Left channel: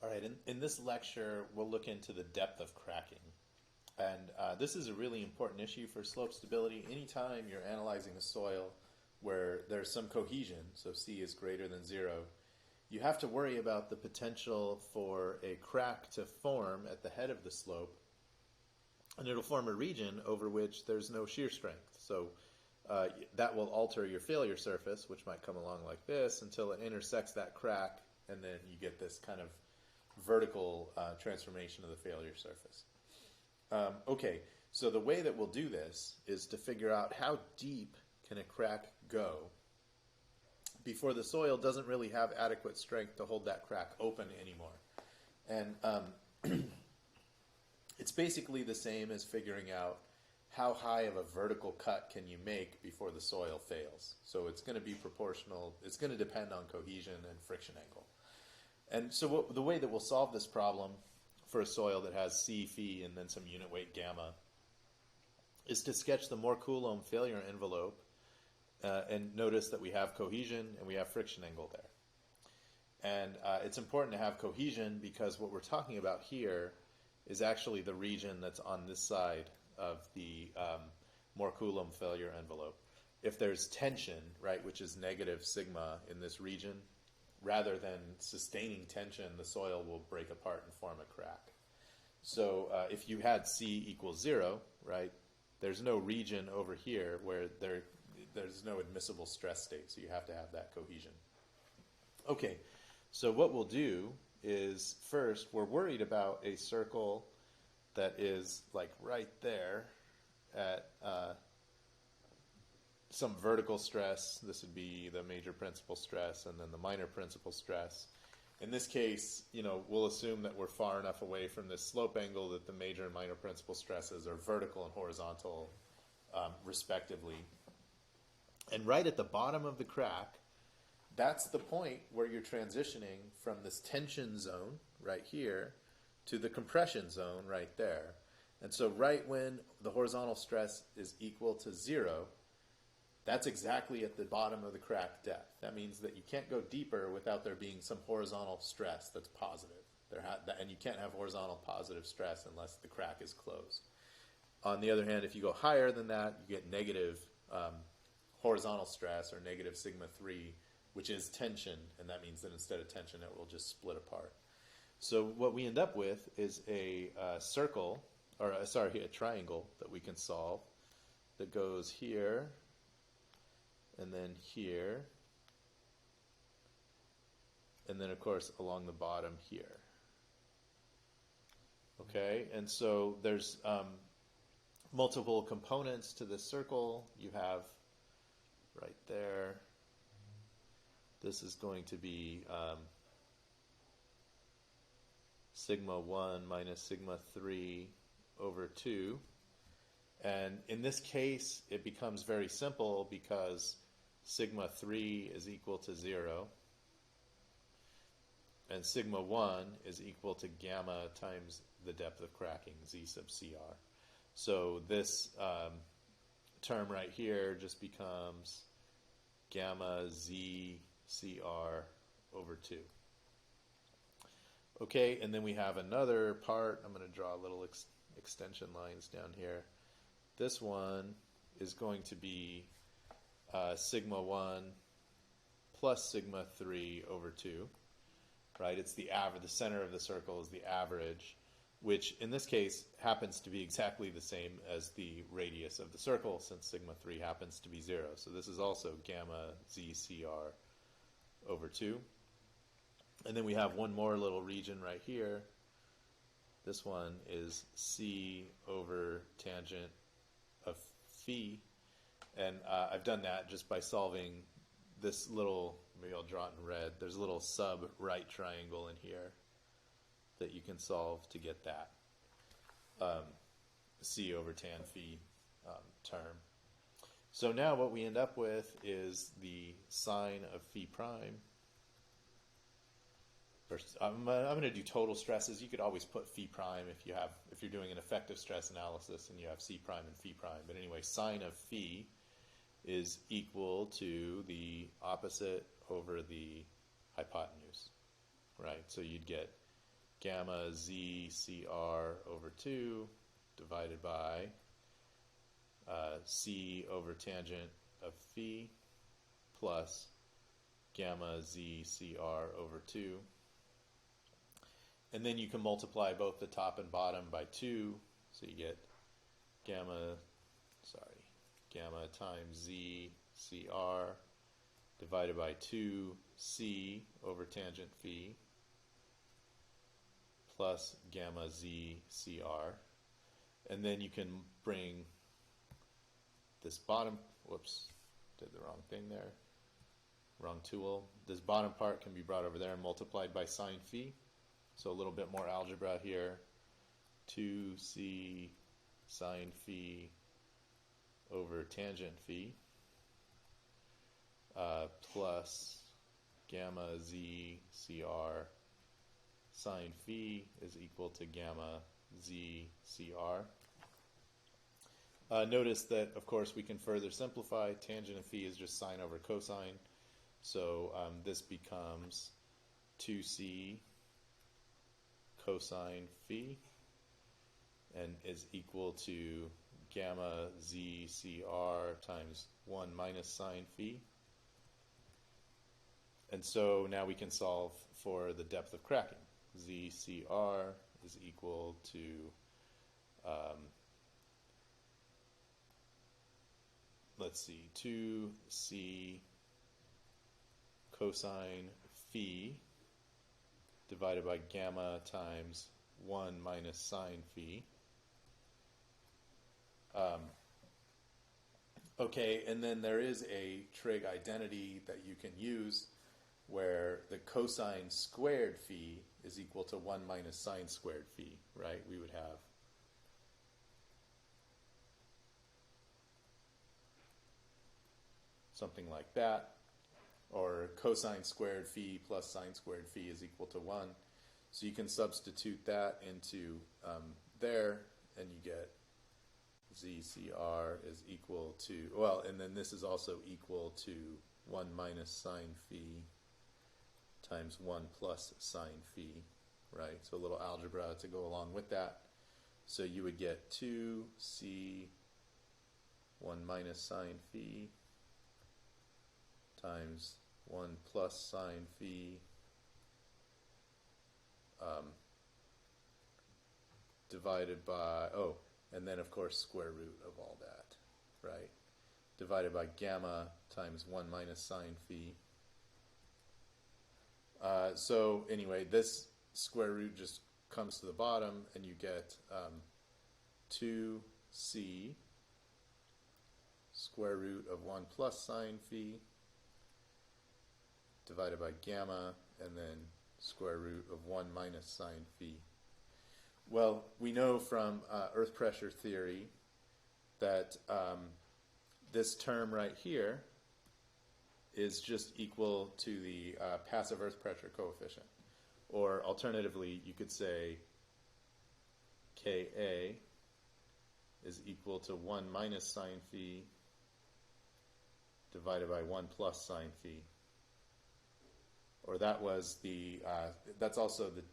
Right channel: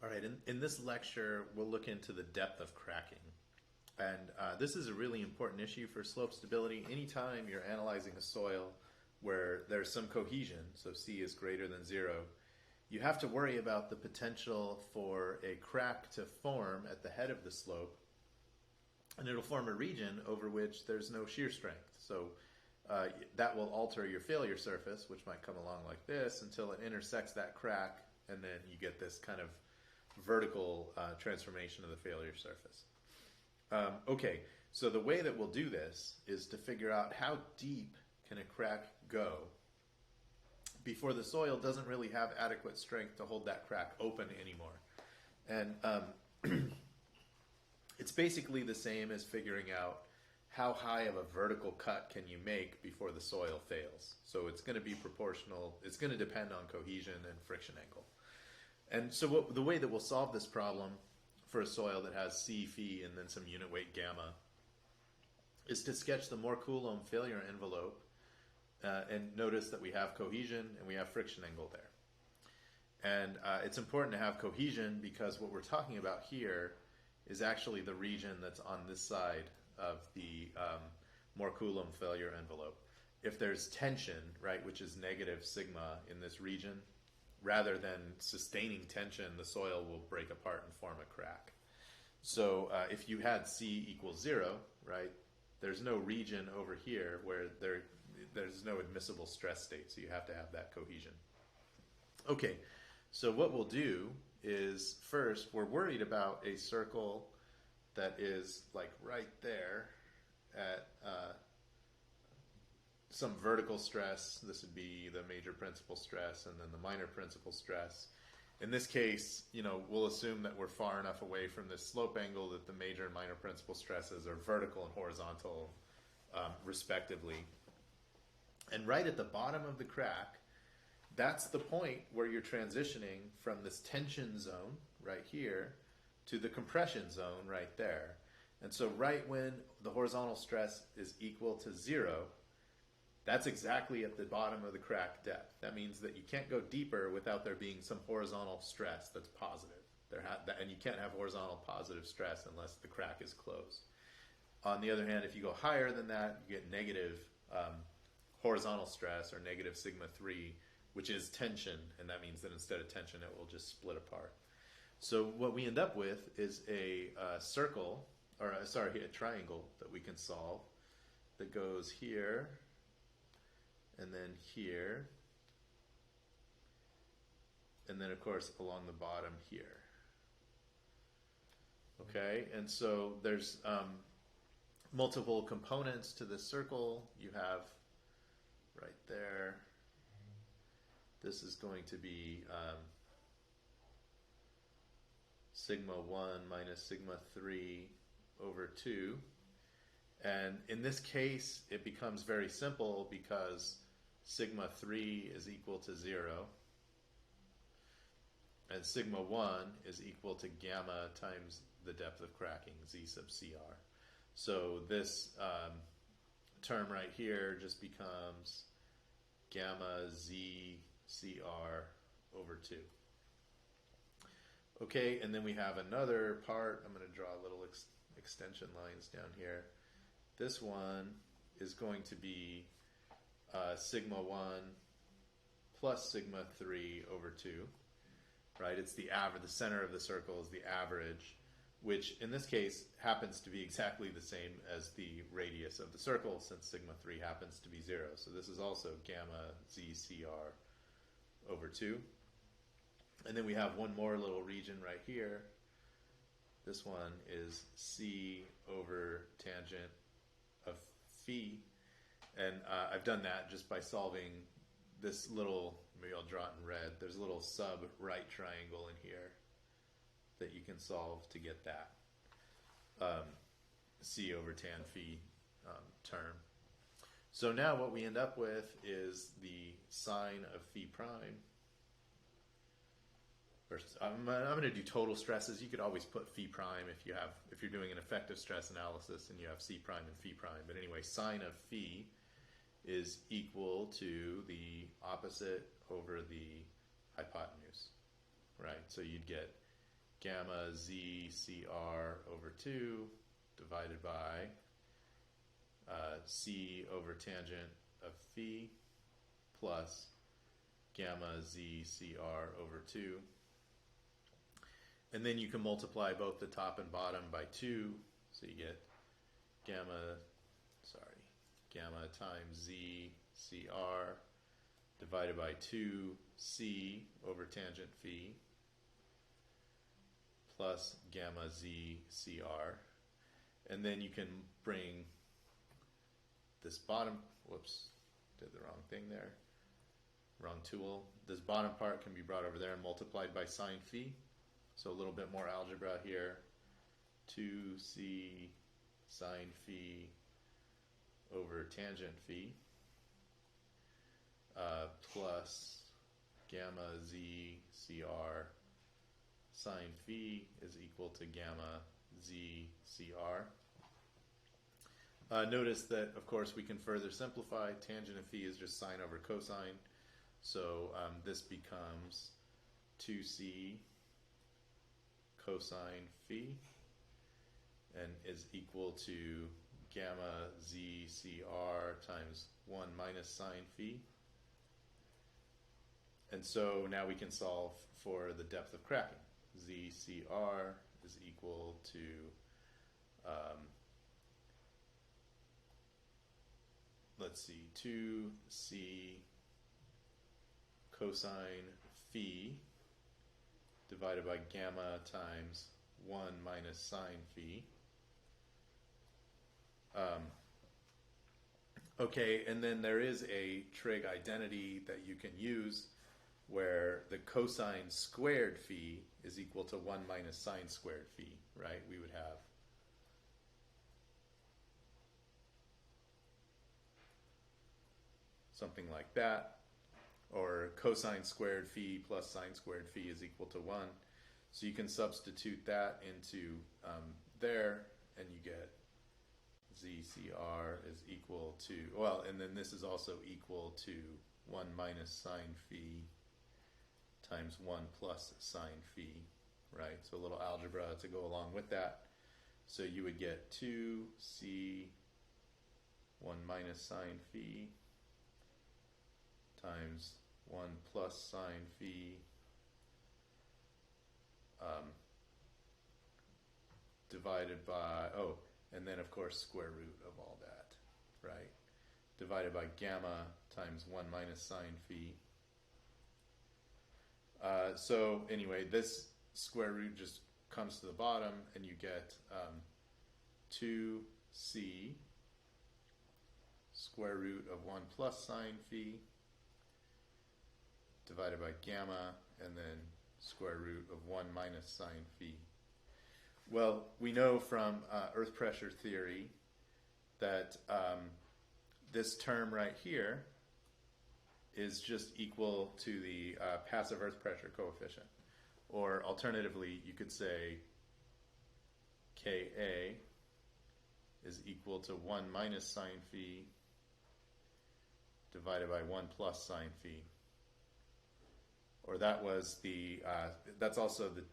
All right, in this lecture, we'll look into the depth of cracking. And this is a really important issue for slope stability. Anytime you're analyzing a soil where there's some cohesion, so C is greater than 0, you have to worry about the potential for a crack to form at the head of the slope, and it'll form a region over which there's no shear strength. So that will alter your failure surface, which might come along like this, until it intersects that crack, and then you get this kind of vertical transformation of the failure surface. Okay, so the way that we'll do this is to figure out how deep can a crack go before the soil doesn't really have adequate strength to hold that crack open anymore. And it's basically the same as figuring out how high of a vertical cut can you make before the soil fails. So it's going to be proportional. It's going to depend on cohesion and friction angle. And so the way that we'll solve this problem for a soil that has C, phi, and then some unit weight gamma is to sketch the Mohr Coulomb failure envelope and notice that we have cohesion and we have friction angle there. And it's important to have cohesion because what we're talking about here is actually the region that's on this side of the Mohr Coulomb failure envelope. If there's tension, right, which is negative sigma in this region, rather than sustaining tension, the soil will break apart and form a crack. So if you had C equals 0, right, there's no region over here where there's no admissible stress state, so you have to have that cohesion. Okay, so what we'll do is first we're worried about a circle that is like right there at some vertical stress. This would be the major principal stress and then the minor principal stress. In this case, we'll assume that we're far enough away from this slope angle that the major and minor principal stresses are vertical and horizontal respectively. And right at the bottom of the crack, that's the point where you're transitioning from this tension zone right here to the compression zone right there. And so right when the horizontal stress is equal to 0, that's exactly at the bottom of the crack depth. That means that you can't go deeper without there being some horizontal stress that's positive. And you can't have horizontal positive stress unless the crack is closed. On the other hand, if you go higher than that, you get negative horizontal stress or negative sigma 3, which is tension, and that means that instead of tension, it will just split apart. So what we end up with is a triangle that we can solve that goes here, and then here, and then of course along the bottom here. Okay, and so there's multiple components to this circle. You have right there, this is going to be sigma 1 minus sigma 3 over 2. And in this case, it becomes very simple because sigma 3 is equal to 0, and sigma 1 is equal to gamma times the depth of cracking, Z sub CR. So this term right here just becomes gamma Z CR over 2. Okay, and then we have another part. I'm going to draw little extension lines down here. This one is going to be sigma 1 plus sigma 3 over 2, right? It's the average. The center of the circle is the average, which in this case happens to be exactly the same as the radius of the circle since sigma 3 happens to be 0. So this is also gamma ZCR over 2. And then we have one more little region right here. This one is C over tangent of phi. And I've done that just by solving this little, maybe I'll draw it in red, there's a little sub-right triangle in here that you can solve to get that C over tan phi term. So now what we end up with is the sine of phi prime. I'm going to do total stresses. You could always put phi prime if you're doing an effective stress analysis and you have C prime and phi prime. But anyway, sine of phi is equal to the opposite over the hypotenuse, right? So you'd get gamma z CR over 2 divided by C over tangent of phi plus gamma z CR over 2. And then you can multiply both the top and bottom by 2, so you get gamma times z CR divided by 2c over tangent phi plus gamma z CR. And then you can bring this bottom, whoops, did the wrong thing there, wrong tool. This bottom part can be brought over there and multiplied by sine phi. So a little bit more algebra here. 2c sine phi over tangent phi plus gamma z CR sine phi is equal to gamma z CR. Notice that, of course, we can further simplify. Tangent of phi is just sine over cosine. So this becomes 2c cosine phi and is equal to gamma z CR times 1 minus sine phi. And so now we can solve for the depth of cracking. Z CR is equal to let's see, 2c cosine phi divided by gamma times 1 minus sine phi. Okay, and then there is a trig identity that you can use where the cosine squared phi is equal to 1 minus sine squared phi, right? We would have something like that, or cosine squared phi plus sine squared phi is equal to 1. So you can substitute that into there, and you get ZCR is equal to, well, and then this is also equal to 1 minus sine phi times 1 plus sine phi, right? So a little algebra to go along with that. So you would get 2c 1 minus sine phi times 1 plus sine phi divided by, and then of course square root of all that, right? Divided by gamma times 1 minus sine phi. So anyway, this square root just comes to the bottom, and you get 2c square root of 1 plus sine phi divided by gamma, and then square root of 1 minus sine phi. Well, we know from earth pressure theory that this term right here is just equal to the passive earth pressure coefficient. Or alternatively, you could say Ka is equal to 1 minus sine phi divided by 1 plus sine phi. Or that was the, that's also the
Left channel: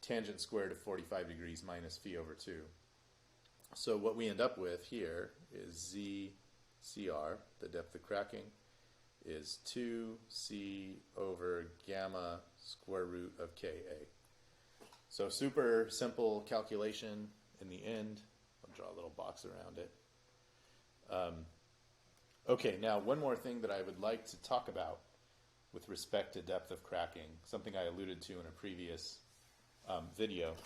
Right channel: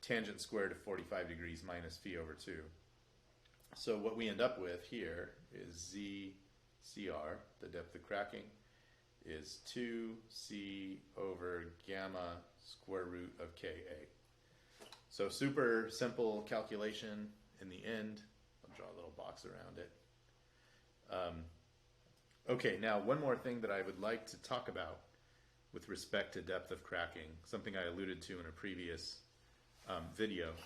tangent squared of 45 degrees minus phi over 2. So what we end up with here is ZCR, the depth of cracking, is 2c over gamma square root of Ka. So super simple calculation in the end. I'll draw a little box around it. Okay, now one more thing that I would like to talk about with respect to depth of cracking, something I alluded to in a previous video.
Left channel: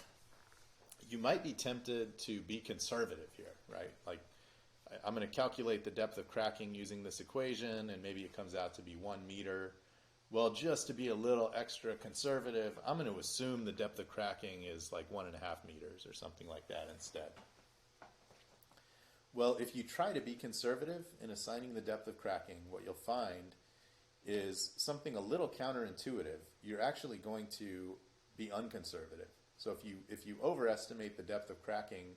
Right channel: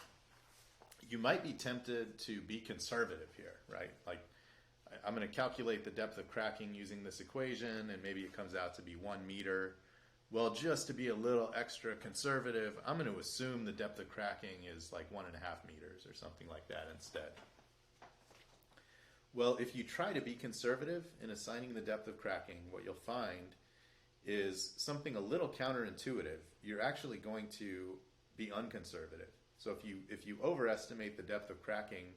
You might be tempted to be conservative here, right? Like, I'm going to calculate the depth of cracking using this equation, and maybe it comes out to be 1 meter. Well, just to be a little extra conservative, I'm going to assume the depth of cracking is like 1.5 meters or something like that instead. Well, if you try to be conservative in assigning the depth of cracking, what you'll find is something a little counterintuitive. You're actually going to be unconservative. So if you overestimate the depth of cracking,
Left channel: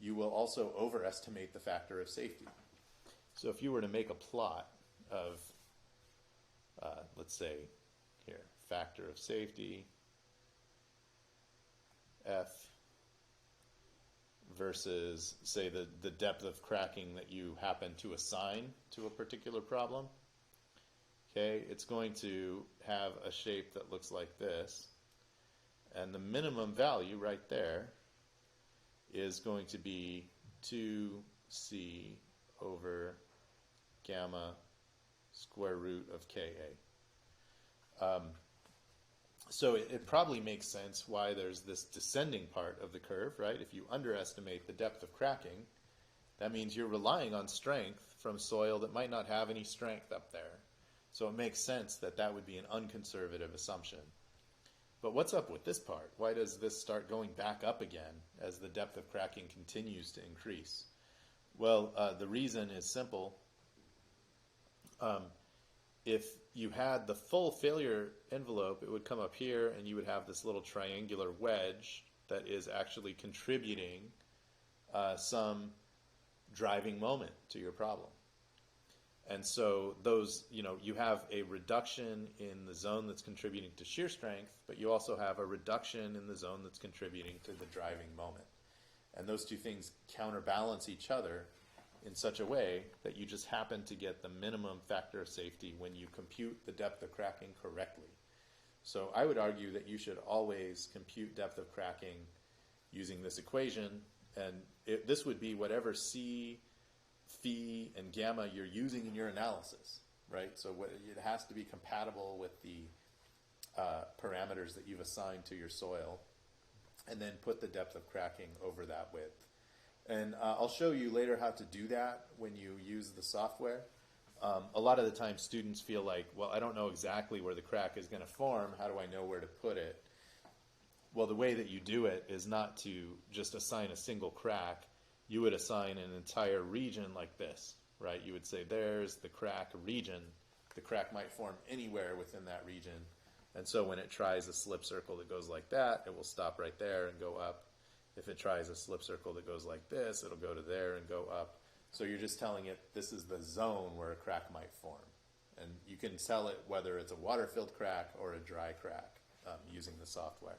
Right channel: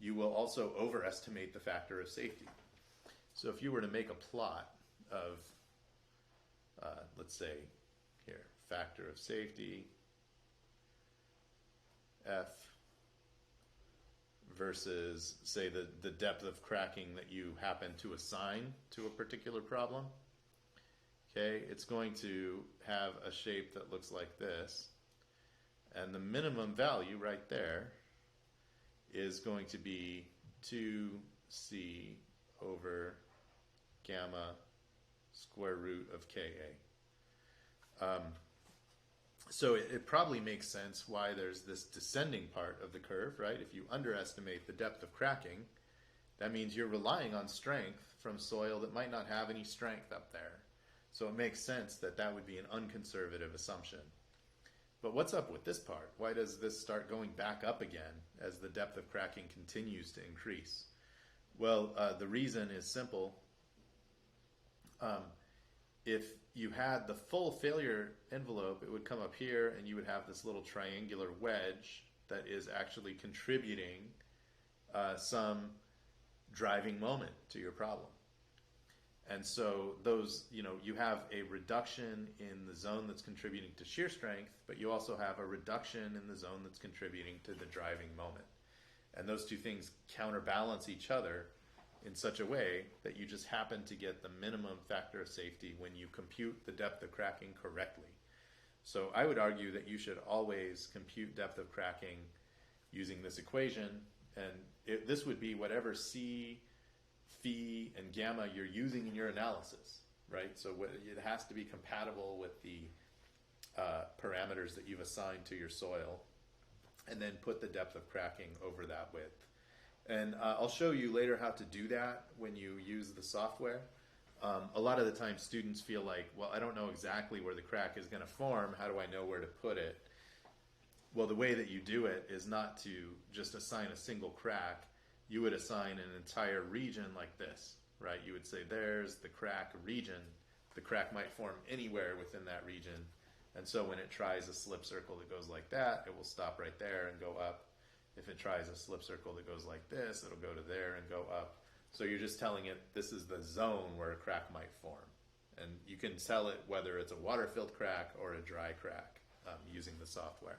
you will also overestimate the factor of safety. So if you were to make a plot of, let's say, here, factor of safety, F versus, say, the depth of cracking that you happen to assign to a particular problem, okay, it's going to have a shape that looks like this. And the minimum value right there is going to be 2c over gamma square root of Ka. So it probably makes sense why there's this descending part of the curve, right? If you underestimate the depth of cracking, that means you're relying on strength from soil that might not have any strength up there. So it makes sense that that would be an unconservative assumption. But what's up with this part? Why does this start going back up again as the depth of cracking continues to increase? Well, the reason is simple. If you had the full failure envelope, it would come up here and you would have this little triangular wedge that is actually contributing some driving moment to your problem. And so those, you have a reduction in the zone that's contributing to shear strength, but you also have a reduction in the zone that's contributing to the driving moment. And those two things counterbalance each other in such a way that you just happen to get the minimum factor of safety when you compute the depth of cracking correctly. So I would argue that you should always compute depth of cracking using this equation, and this would be whatever C, phi, and gamma you're using in your analysis, right? So it has to be compatible with the parameters that you've assigned to your soil, and then put the depth of cracking over that width. And I'll show you later how to do that when you use the software. A lot of the time students feel like, well, I don't know exactly where the crack is going to form. How do I know where to put it? Well, the way that you do it is not to just assign a single crack. You would assign an entire region like this, right? You would say there's the crack region. The crack might form anywhere within that region. And so when it tries a slip circle that goes like that, it will stop right there and go up. If it tries a slip circle that goes like this, it'll go to there and go up. So you're just telling it this is the zone where a crack might form. And you can tell it whether it's a water-filled crack or a dry crack using the software.